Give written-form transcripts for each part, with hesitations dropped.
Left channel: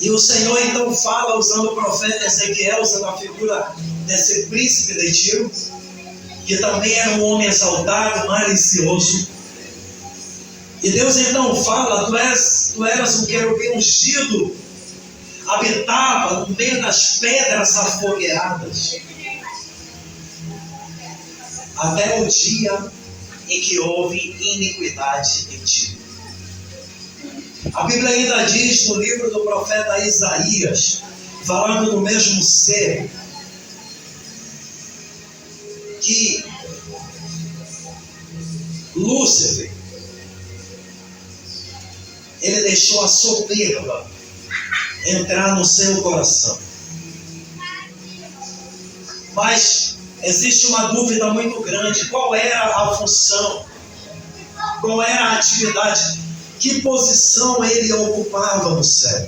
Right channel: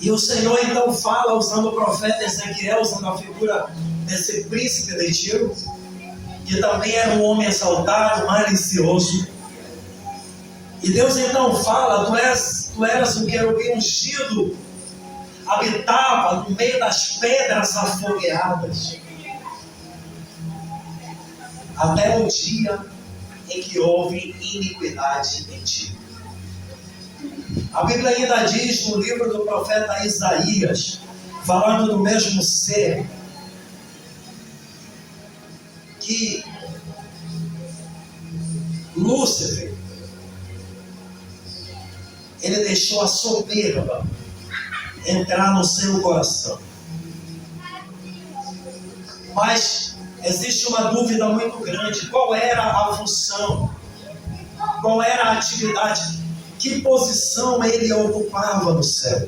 E o Senhor então fala, usando o profeta Ezequiel, usando a figura desse príncipe de Tiro, que também era um homem exaltado, malicioso. E Deus então fala: tu eras um querubim ungido, habitava no meio das pedras afogueadas, até o dia em que houve iniquidade em ti. A Bíblia ainda diz no livro do profeta Isaías, falando do mesmo ser, que Lúcifer, ele deixou a soberba entrar no seu coração. Mas existe uma dúvida muito grande: qual era a função? Qual era a atividade? Que posição ele ocupava no céu?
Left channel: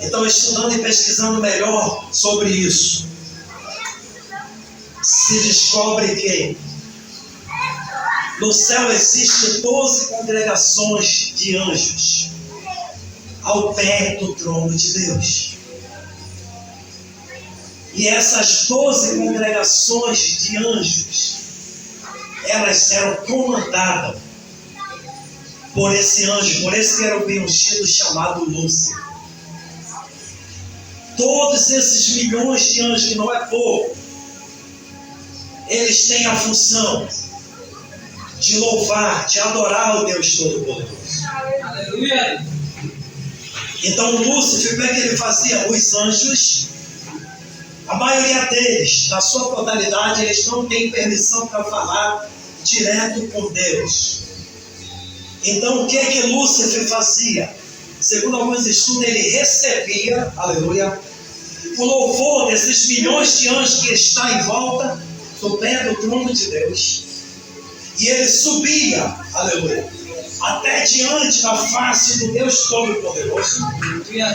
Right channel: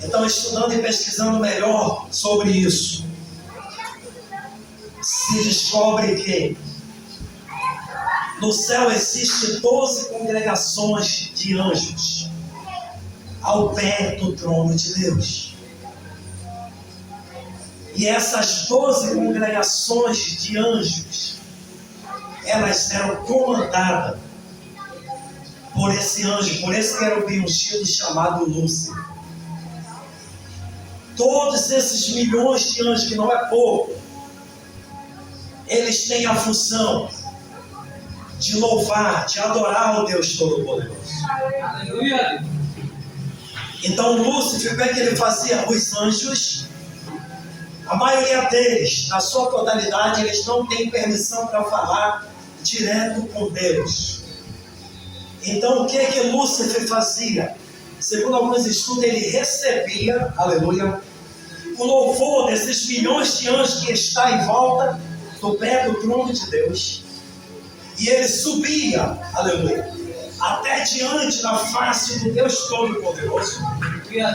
Então, estudando e pesquisando melhor sobre isso, se descobre que no céu existem 12 congregações de anjos ao pé do trono de Deus. E essas 12 congregações de anjos, elas eram comandadas por esse anjo, por esse querubim ungido chamado Lúcifer. Todos esses milhões de anjos, que não é pouco, eles têm a função de louvar, de adorar o Deus Todo-Poderoso. Aleluia! Então Lúcifer, o que ele fazia? Os anjos, a maioria deles, na sua totalidade, eles não têm permissão para falar direto com Deus. Então o que Lúcifer fazia? Segundo alguns estudos, ele recebia, aleluia, o louvor desses milhões de anjos que está em volta do pé do trono de Deus. E ele subia, aleluia, até diante da face do Deus Todo-Poderoso,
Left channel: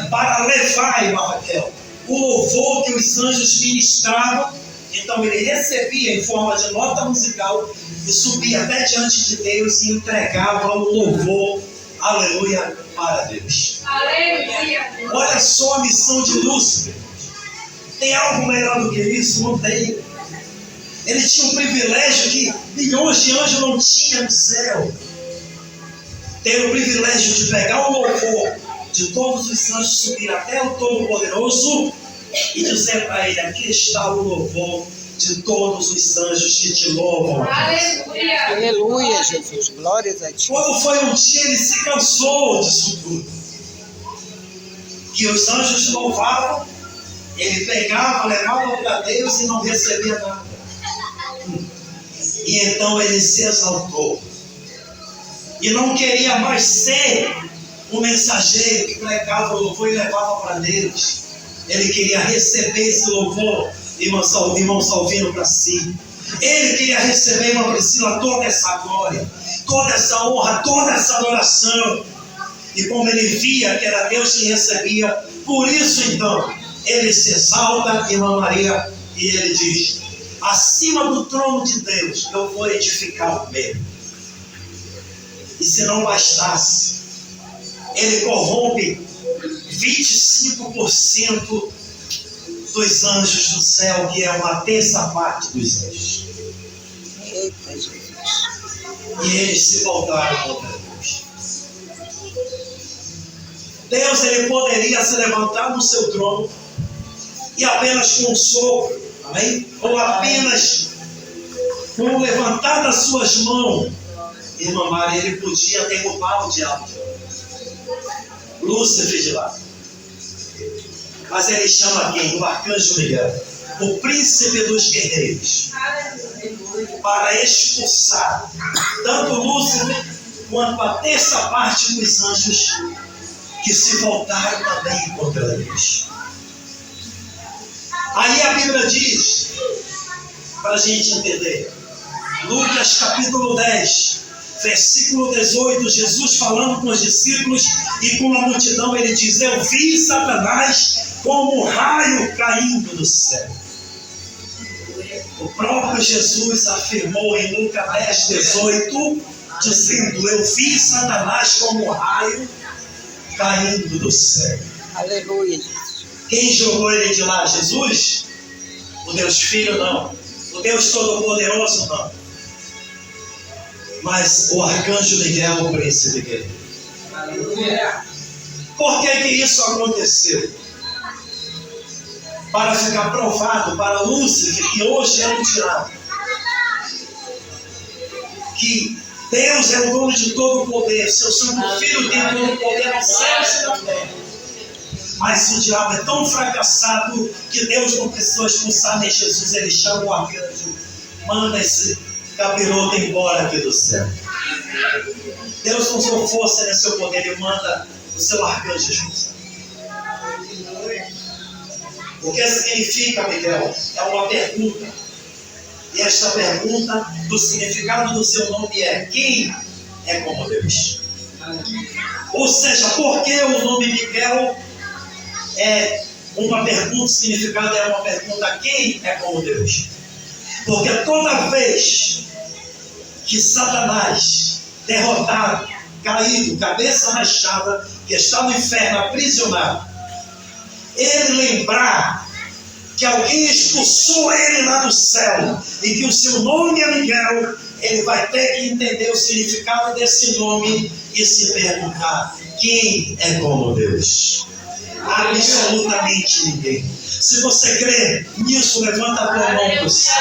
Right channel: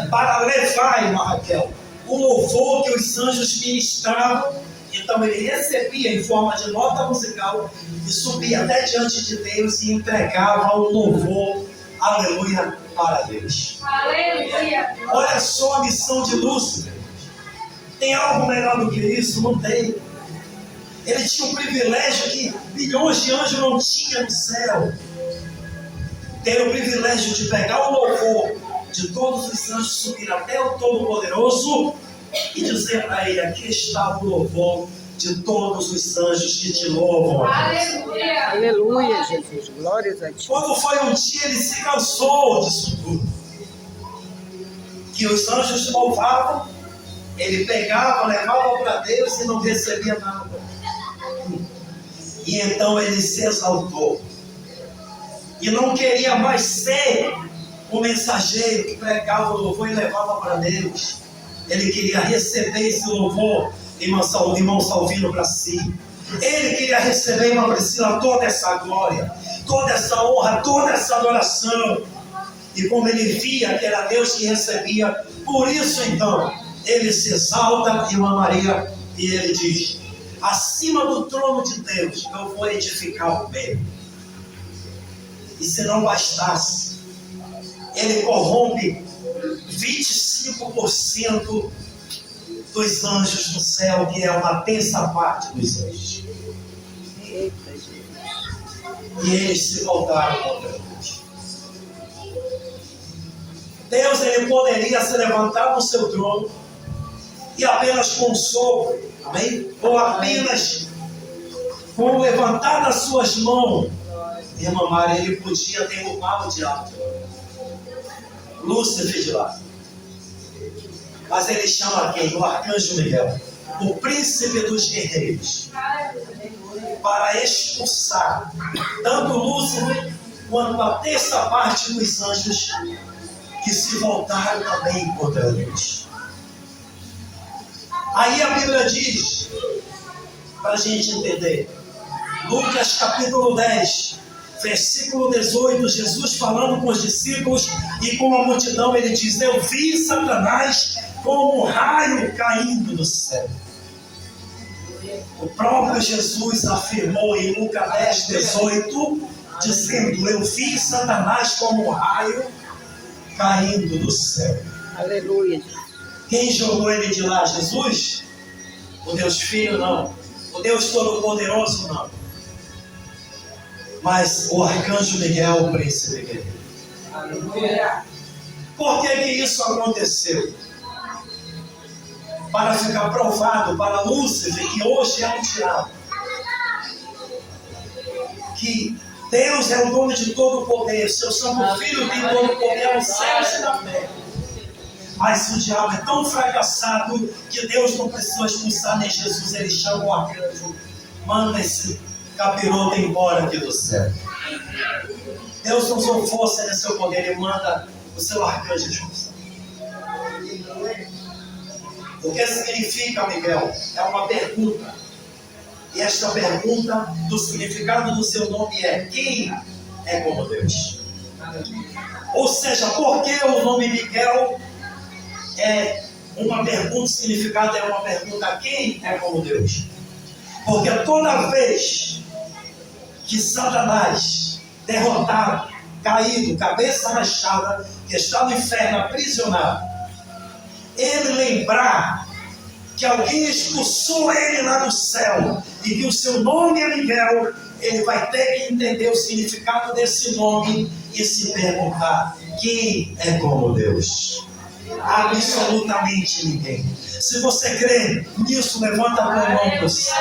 para levar, irmã Raquel, o louvor que os anjos ministravam. Então ele recebia em forma de nota musical e subia até diante de Deus e entregava o louvor, aleluia, para Deus. Aleluia! Olha só a missão de Lúcifer. Tem algo melhor do que isso? Não tem. Ele tinha um privilégio que milhões de anjos não tinham no céu. Ter o privilégio de pegar o louvor de todos os anjos, subir até o Todo-Poderoso e dizer para ele: aqui está o louvor de todos os anjos que te louvam. Aleluia! Aleluia, Jesus. Glórias a ti. Quando foi um dia, ele se cansou disso tudo. Que os anjos louvavam, ele pegava, levava para Deus e não recebia nada. E então ele se exaltou. E não queria mais ser o mensageiro que pregava o louvor e levava para Deus. Ele queria receber esse louvor, irmão Salvino, para si. Ele queria receber, irmã Priscila, toda essa glória, toda essa honra, toda essa adoração. E como ele via que era Deus que recebia, por isso então, ele se exalta, irmã Maria, e ele diz: acima do trono de Deus eu vou edificar o meu. E se não bastasse, ele corrompe 25% dos anjos do céu, que é uma terça parte dos anjos. Eita, Jesus. E eles se voltaram contra Deus. Deus, ele poderia se levantar no seu trono e apenas com um sopro, amém? Ou apenas com levantar das suas mãos, irmã Maria, ele podia derrubar o diabo de lá, Lúcifer de lá. Mas ele chama quem? O arcanjo Miguel, o príncipe dos guerreiros, para expulsar tanto Lúcifer quanto a terça parte dos anjos que se voltaram também contra Deus. Aí a Bíblia diz, para a gente entender, Lucas capítulo 10, versículo 18, Jesus falando com os discípulos e com a multidão, ele diz: eu vi Satanás como um raio caindo do céu. O próprio Jesus afirmou em Lucas 10, 18, dizendo: eu vi Satanás como um raio caindo do céu. Aleluia, Jesus. Quem jogou ele de lá? Jesus? O Deus Filho? Não. O Deus Todo-Poderoso? Não. Mas o arcanjo Miguel, o príncipe guerreiro. Aleluia. Por que isso aconteceu? Para ficar provado para Lúcifer, que hoje é um diabo, que Deus é o dono de todo o poder, seu Santo Filho tem todo o poder nos céus e na terra. Mas o diabo é tão fracassado que Deus não precisou expulsar nem Jesus, ele chama o arcanjo, manda esse capiroto embora aqui do céu. Deus não usou força nem seu poder, ele manda o seu arcanjo expulsar. O que significa, Miguel? É uma pergunta. E esta pergunta, do significado do seu nome é: quem é como Deus? Ou seja, por que o nome Miguel é uma pergunta, o significado é uma pergunta: quem é como Deus? Porque toda vez que Satanás, derrotado, caído, cabeça rachada, que está no inferno aprisionado, ele lembrar que alguém expulsou ele lá do céu e que o seu nome é Miguel, ele vai ter que entender o significado desse nome e se perguntar: quem é como Deus? Absolutamente ninguém. Se você crê nisso, levanta a tua mão para o céu.